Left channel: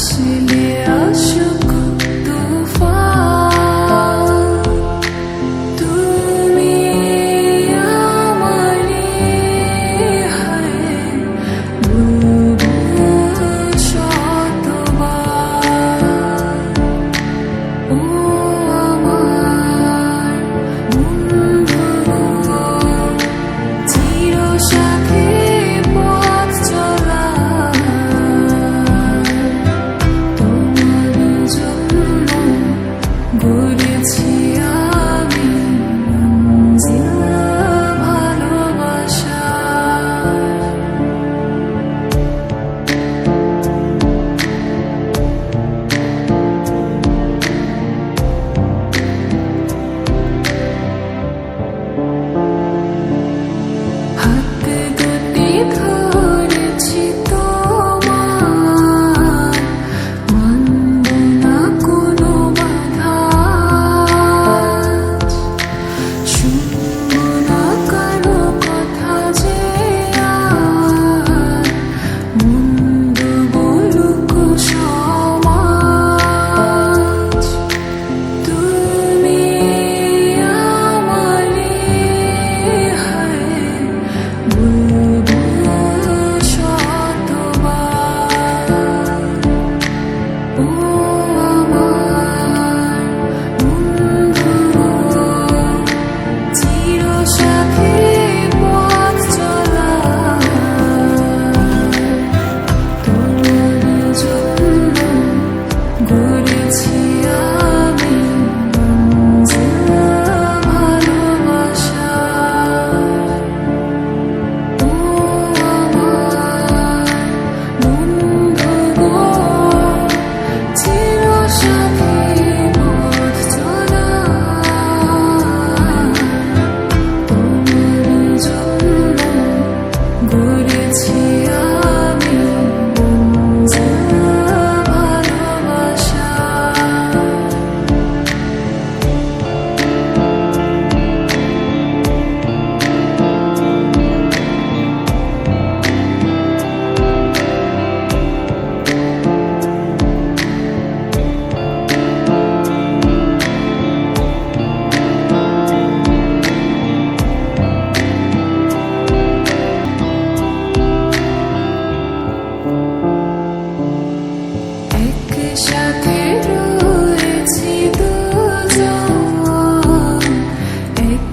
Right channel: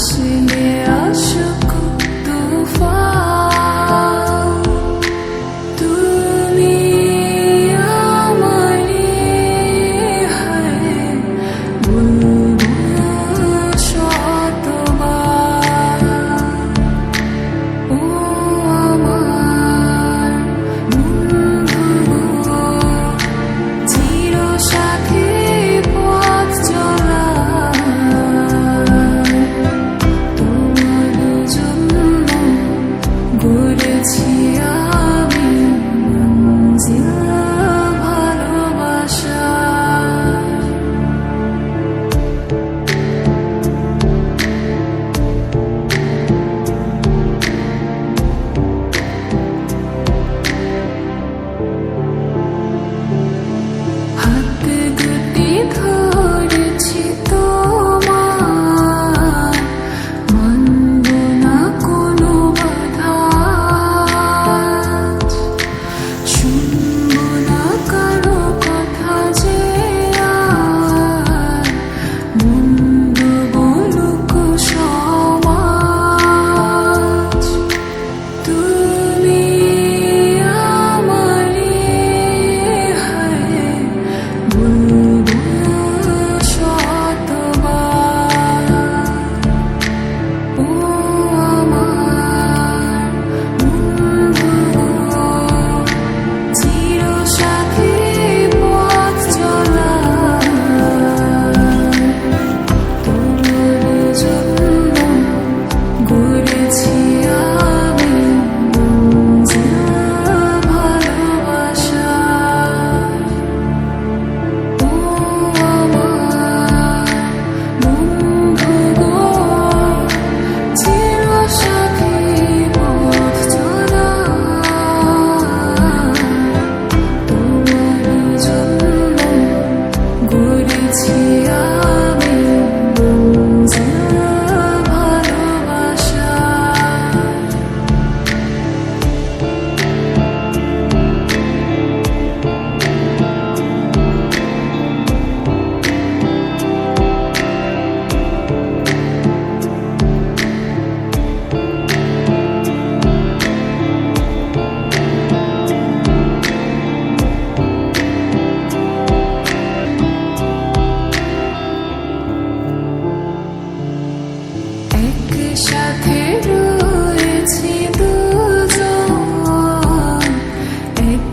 আসলে আসুক 夕阳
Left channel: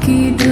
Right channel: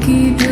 keep